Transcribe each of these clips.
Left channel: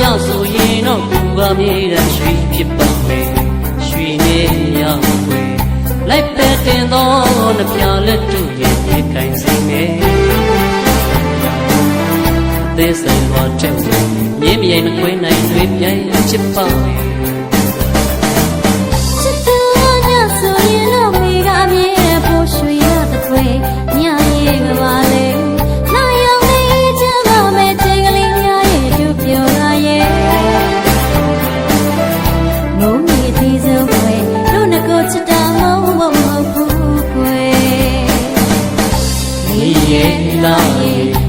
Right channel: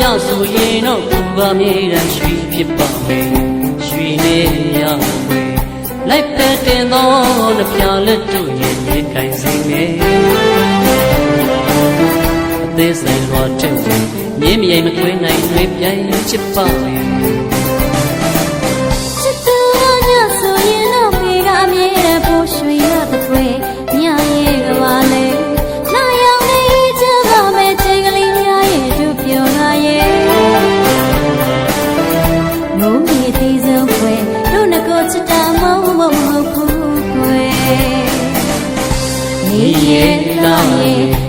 မြဆိုရင်တော့ကိုကမြေတမ်းရွှေဖြစ်ပါမယ်ရွှေနဲ့မြဝဲလိုက်ပဲတင်သောနှပြလက်တို့ရဲ့ရေကင်စိမ့်မယ်အသေးစိမ်လွာတဲ့ဝင်မြင်းမြိုင်မခွေးနိုင်တွေပြိုင်ချစ်ပါမယ်ချစ်သူကညဆိုရင်တော့မိကအမြဲတမ်းပို့ရွှေရတဲ့ခွေညရဲ့ကပါလေ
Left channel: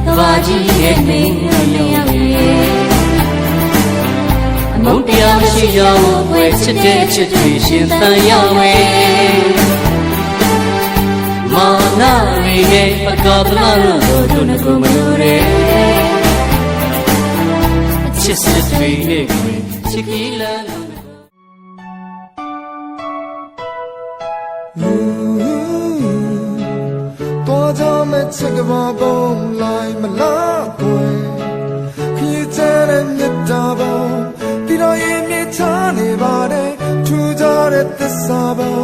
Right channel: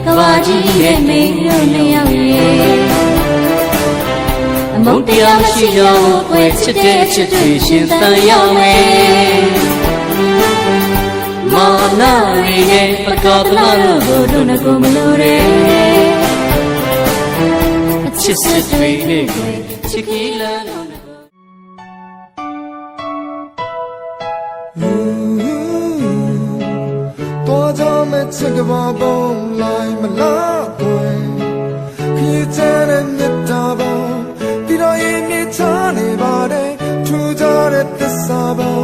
ကဘာကြီးရဲ့မင်းတို့နှစ်ယောက်ရဲ့အမုန်းတရားမရှိရဘူးကွယ်ချစ်တဲ့ချစ်တွေရှင်သန်ရမယ်မာနာရီရဲ့ပကပလာတို့တို့ငကိုမလို့တဲ့အချစ်စစ်တွေနဲ့ကွယ်ချစ်ကီလန် မဲ့ချက်ကဘာပုံလိုက်မလားကွယ်ခရီးချတဲ့မြတ်တာပုံဒီတော့ရင်မြချနေပါတယ်ထူကြတဲ့သစ္စာပုံ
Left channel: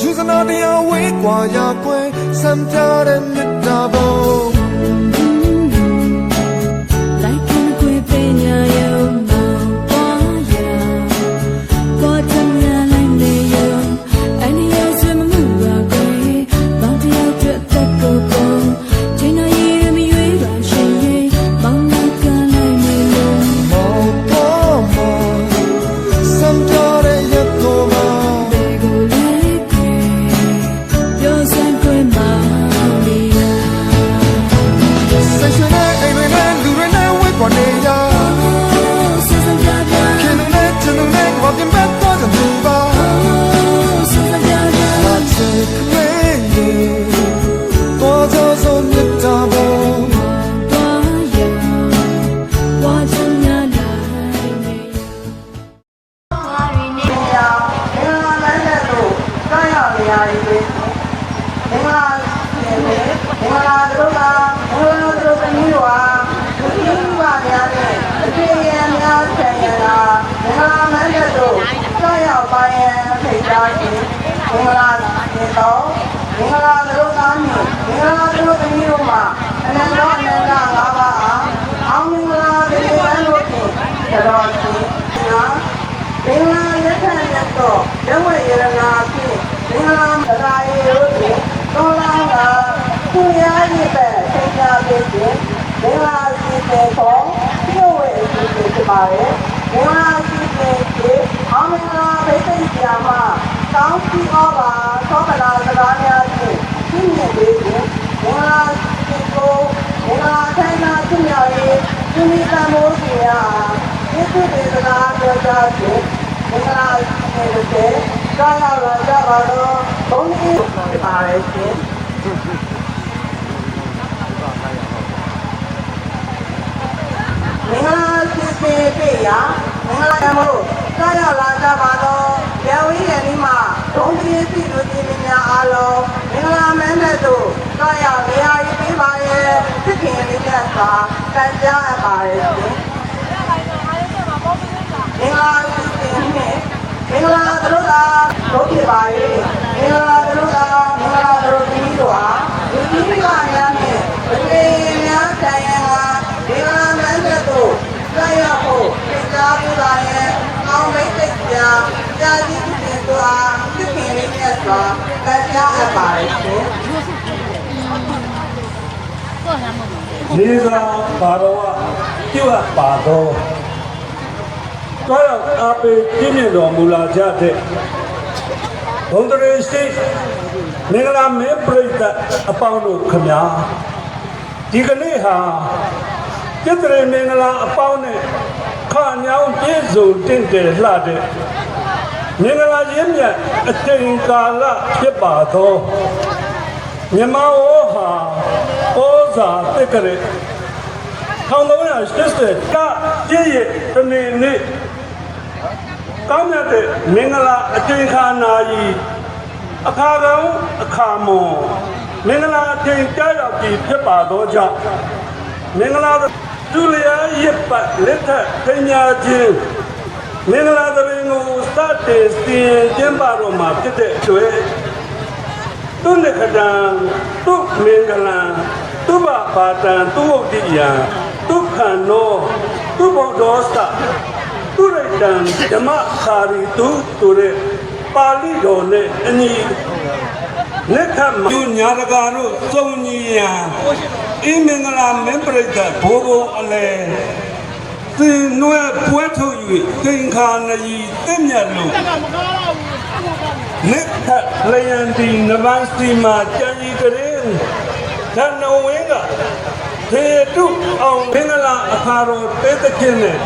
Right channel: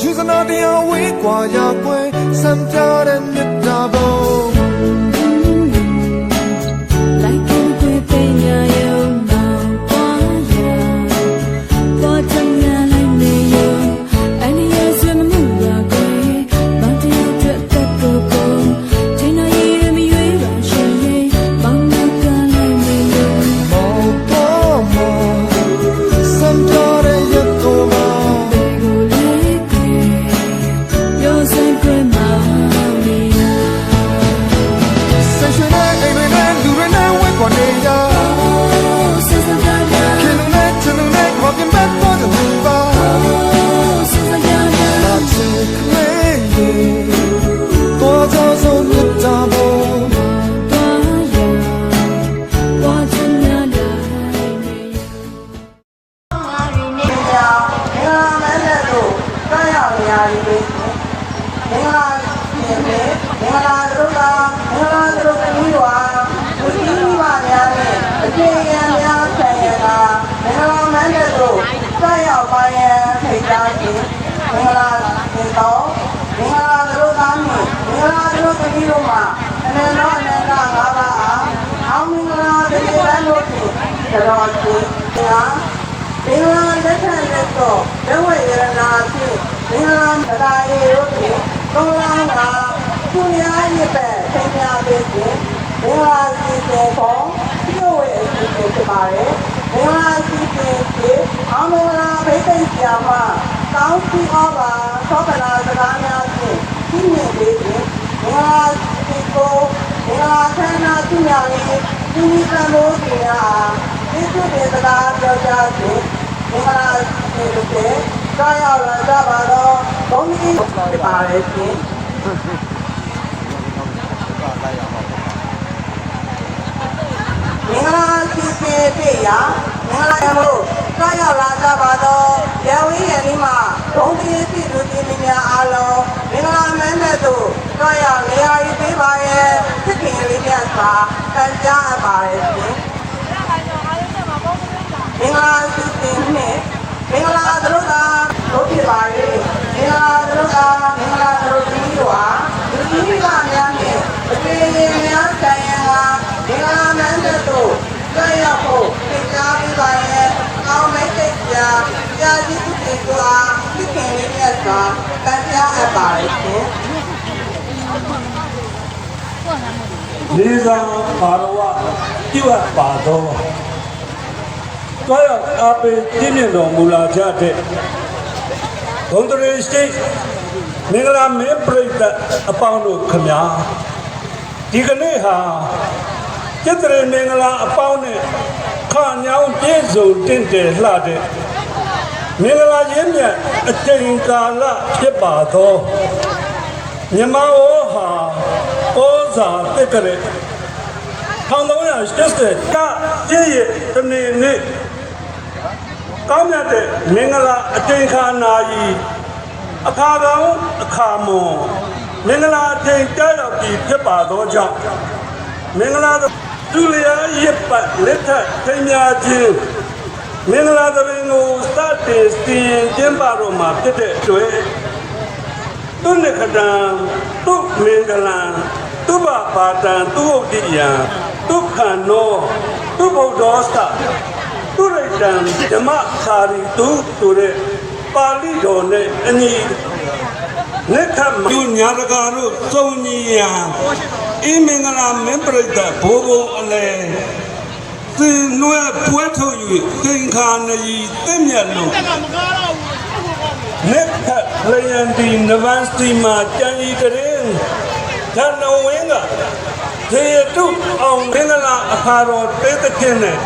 ယူစနာတရားဝေးกว่าရကွယ်စံပြတဲ့မြတ်တာပုံ က်နေမင်္ဂလာမန္တတို့စရောက်နေရပြီမင်္ဂလာရှင်လေမင်္ဂလာတို့ကမင်္ဂလာတို့သမီးတို့ဟာလူကြီးမိဘများနဲ့အခြေခံများဆံရတာမင်္ဂလာမန္တတို့စရောက်ပါရန်ဖိတ်ကြားခြင်းမင်္ဂလာရှင်တော်မင်္ဂလာတို့ကမင်္ဂလာ တို့သမီးတို့မှာအနန္တအနန္တငါးပါးအားအောင်မင်္ဂလာတွေတန်းတို့ဖြင့်ကျွန်တော်ရှင်ညာမင်္ဂလာလက်ခံလက်တော့ရဝရရနာဖြင့်မင်္ဂလာတရားရီတို့ဖြင့်တောလာကသူများရစ်ပဲဆင်ညာပေးခြင်းမင်္ဂလာစီစဉ်ပေါ်ပြုဝဲအစီအစဉ်ဖြစ်ပါတယ်မင်္ဂလာစီစဉ်ဖြင့်အောင်မင်္ဂလာဒိဋ္ဌိဆရာမကောင်းစီဩဘာသောကနာစကားများဖြင့်ပြည့်မြင့်ပေးခြင်းမင်္ဂလာစီကိုမင်္ဂလာခန္ဓာ သူများရေးသူမိတန်မိုးစီများဒီကုတေစကားပြောကြားခြင်းမင်္ဂလာနေတဲ့ကြာရောက်လာကြပါတော့ဘုန်းကြီးပါလေရှင်မင်္ဂလာစီစဉ်ပြရမင်္ဂလာမို့ကြာရောက်လာကြပါတော့ရဝိရနီမှာဘုန်းကြီးစီလူကြီးများအားလုံးမင်္ဂလာမန်းတဲ့တို့ကြာရောက်နေရာကြီးပေးပါရဲ့ဖြစ်ခင်လေးနဲ့စာ တန်ကြားအပ်ပါရဲ့ရှင်မင်္ဂလာစီစဉ်နဲ့မင်္ဂလာတို့ကဘုဖြစ်ပါလေမင်္ဂလာတို့ကမင်္ဂလာတို့ကြီးတို့ဟာဒီကြီးကများနဲ့အခြေများဆိုင်ရာမင်္ဂလာမန်းတဲ့တို့ဆက်ရဖို့သိသားပေးပါရဲ့အောင်းမိတ်သိကြာကြာကြီးဖြစ်သူအားဖြစ်ခင်လေးနဲ့စွာတရားအပ်ပါလေရှင် လေးစားပါတော်ဝပြုအပ်ပါသောတောရောက်အားပေးပြည့်မြင့်တော်မူလာကြတဲ့ဘုံတရေရှိမင်္ဂလာမင်းပြိတ္တအပေါင်းတို့ခမညာဒီကနေ့ဟာကျက်တရေမင်္ဂလာအပေါင်းနဲ့ခါညောင်းပြည့်စုံတင့်တယ်လှတဲ့မင်္ဂလာရင်းမြတ်အချိန်ကာလဖြစ်ပါသောမြမဝေါဟာပိုး စာတက်ကြတဲ့1380ကပြည့်ရတနေ့နေ့တမ်းတဲ့မင်္ဂလာအတင်ခါနာကြီးအခါတော်အခါမွန်မင်္ဂလာအတင်ကြရောက်ပြီးဖြစ်ပါသောကြောင့်မင်္ဂလာတော်ဒုလျာရစ်ပတ်လက်ထက်ပညာချင်းမင်္ဂလာတော်ရင်ကိုစတင်စီရင်ကျင်းပတော်မှာဖြစ်တဲ့အတွက်သူလက္ခဏာသူမင်္ဂလာ သူဘပါတံသူဥဒိယံသူခံနောသူဘုဒ္ဓောသသူရိတံဓမ္မခာရီသူဆိုတဲ့ပါဠိတော်နဲ့အညီလက်ထမူညာတကာတို့စုံညီရာအင်းမင်္ဂလာမင်းပြိတ္တဘိုးဘုံအလဲသင်နွယ်ပွဲထုတ်၍သင်္ခါနရီတင့်မြတ်လို့လက်ထလျံဒီနဗန်စတီမှာကြံဤကရင် ဓဏဝင်းကဒေတုအောင်မင်္ဂလာအခါတော်ပေးသခင်နဲ့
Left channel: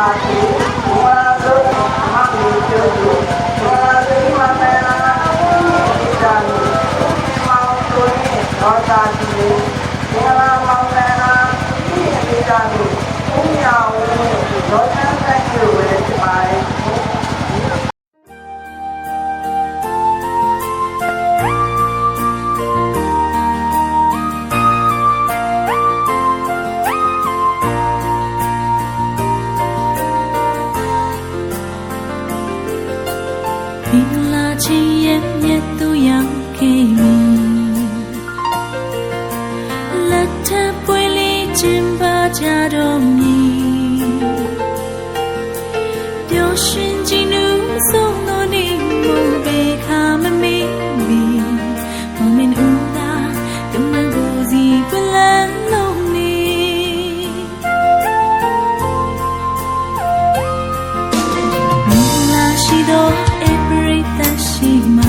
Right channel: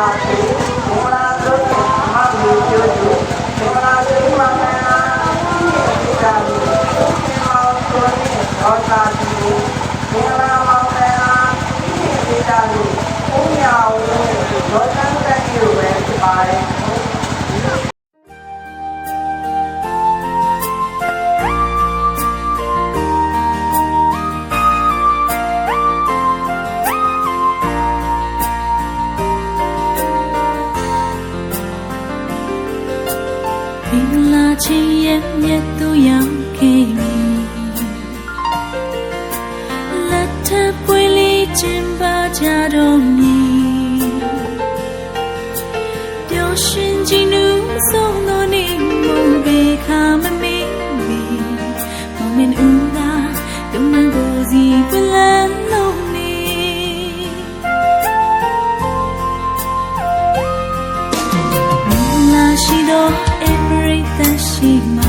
Thank you. 进巴加东尼，丢寻进路送到你梦被卡门咪咪，梦明乌拉，东南古吉不兰龙尼。乌拉西多，every 的西马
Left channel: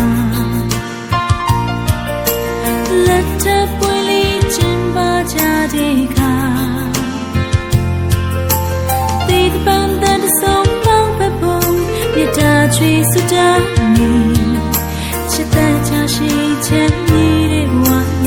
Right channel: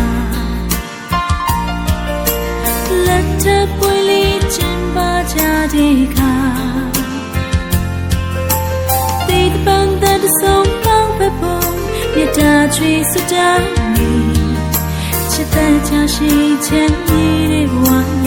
，let up 为你进巴加的卡。水苏打你，期待加些甜蜜的晚。